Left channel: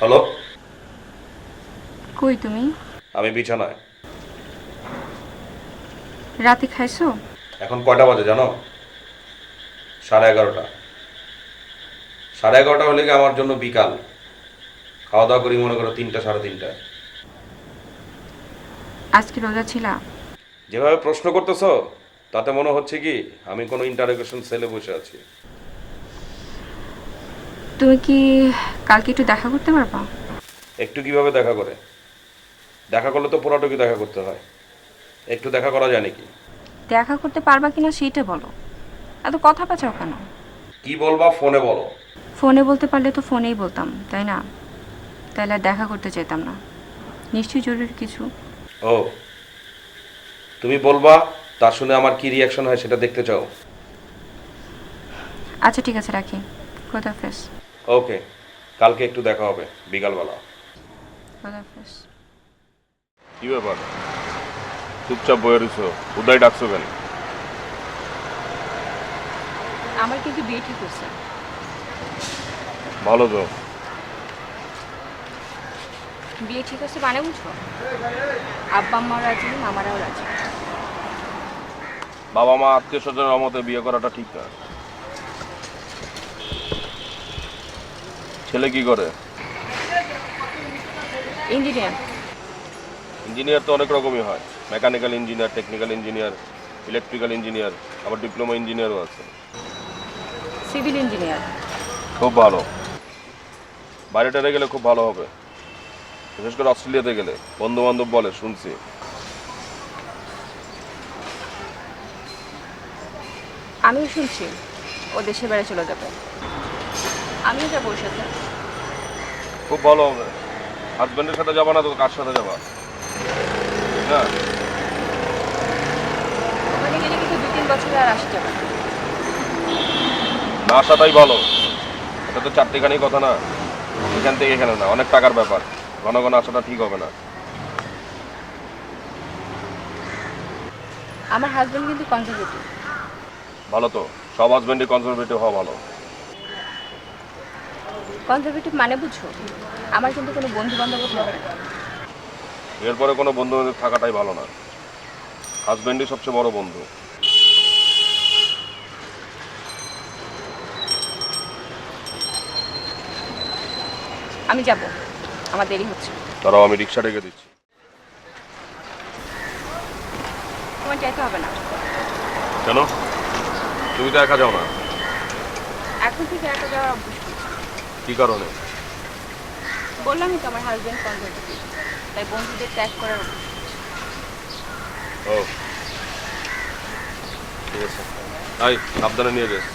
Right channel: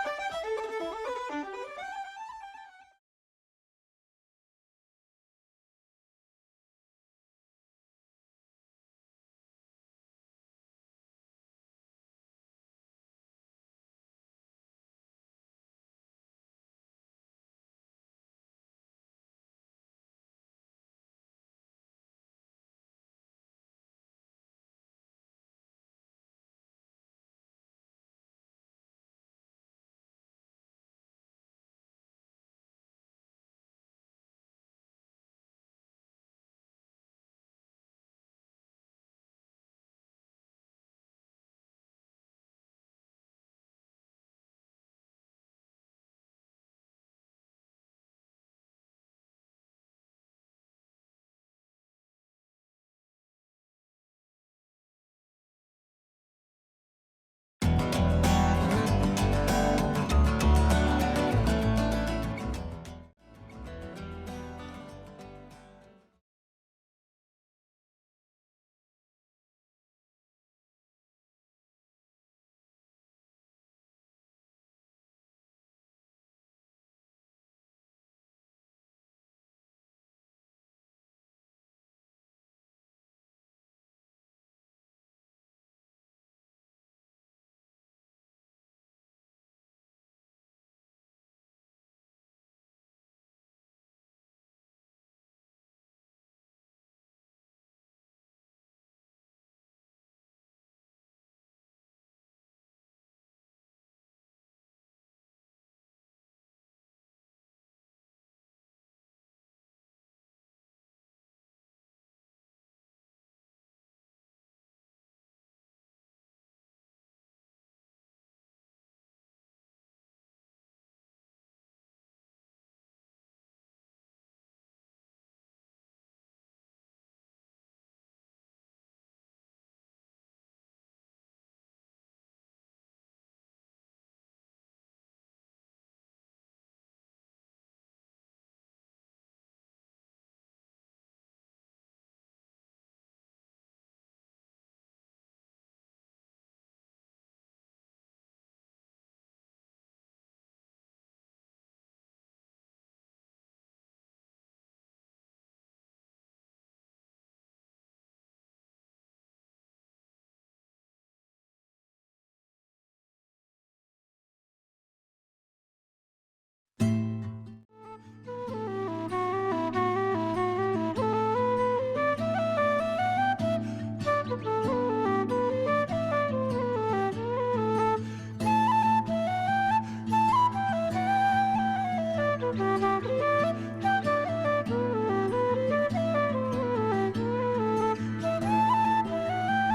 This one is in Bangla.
হ্যালো। কই তুমি? আমি বিছানায়। রাতে খাইছো? এখন কয়টা বাজে জানো? 11:30। 11:30 হলে কি আমার জন্য বিকাল। খাওয়া দাওয়া করি মনে করো 3টা 3:30টায়। আজকে রোজা ছিলা? যেভাবে প্রশ্ন করতেছো তাতে মনে হচ্ছে কি আমি কোনো ইন্টারোগেশন সেলে বসে আছি। তুমি কি কালকে একটু দেখা করতে পারবা? একটু কিভাবে দেখা করে? দেখা করলে তো পুরাটুকু দেখা করতে হয়। একটু দেখা করা যায় নাকি? দেখা করতে পারবা কিনা সেইটা বলো। এত কথা পেঁচাও কেন? কি বলবা ফোনে বলো। ফোনে বলতে পারলে তো ফোনেই বলতাম, তাই না? তাইলে আর দেখা করতে চাইতাম না। নিশ্চয়ই জরুরি কিছু। ও, তুমি বলবা, তা শুনে আমার কি রিয়াকশন হয় সেটা দেখতে চাও? আচ্ছা ঠিক আছে, রাখি। খোদাফেজ। ওকে, কালকে একটু দেখা হবে বিকালবেলা। কি ব্যাপার, চুপচাপ বয়ে রইছো? উদয় ডাকছো কেন? আমার কিন্তু বিয়ে ঠিক হচ্ছে। ভালো তো। বিয়ে ঠিক হচ্ছে মানে বুঝো? আব্বা আম্মাও রাজি, মামারাও রাজি। বাবা মা আত্মীয় স্বজনের অমতে বিয়ে করাটা ঠিক না। ছেলে কি করে? ইঞ্জিনিয়ার। ইঞ্জিনিয়ার তো অনেক রকমই হয়। Mechanical engineer, technical engineer, electrical engineer, আবার ডিপ্লোমা ইঞ্জিনিয়ারও আছে। Civil engineer. খুব ভালো। বাইরেটারে গেলে খুব ভালো হবে, বিশেষ করে অস্ট্রেলিয়াতে গেলে বন্ধু বান্ধব বলে শুনছি। আমিও শুনছি ও দেশে বেড়ে চলে যাবে। আমিও যাবো ওর সাথে। খুব ভালো হবে। হাজবেন্ডের সাথে যাবা না তো কার সাথে যাবা? না, ওখানে গেলে কিন্তু 2-3 বছরে আর আসা যাবে না। না আসাটাই ভালো। এটা তো চারটিখানি কথা না, এখান থেকে এখানে না, অনেক টাকার ব্যাপার। ঘন ঘন আসাটা ঠিক হবে না। আমার হাজবেন্ড কিন্তু কনজারভেটিভ। ভালো তো, সব হাজবেন্ডই কনজারভেটিভ হওয়া ভালো। কনজারভেটিভ মানে বুঝো? আমার কিন্তু কোনো বন্ধু বান্ধবও থাকবে না। এরপরে কোনো বন্ধু বান্ধব থাকাটাই ভালো না। হাজবেন্ডই সবচেয়ে বড় বন্ধু। আমি যাব, আমার দেরি হচ্ছে। তারাও আমি রিক্সা ডেকে দিচ্ছি। তোমার যেতে হবে না। কেন? তুমি তো একা যাও না। এখন থেকে একা যাওয়া কি কারণে? বললামই তো আমার হাজবেন্ড কনজারভেটিভ, তাই বন্ধুদের ত্যাগ করার অভ্যাস। ও, ঠিক আছে। তাই সাবধানে নিয়ে যাস।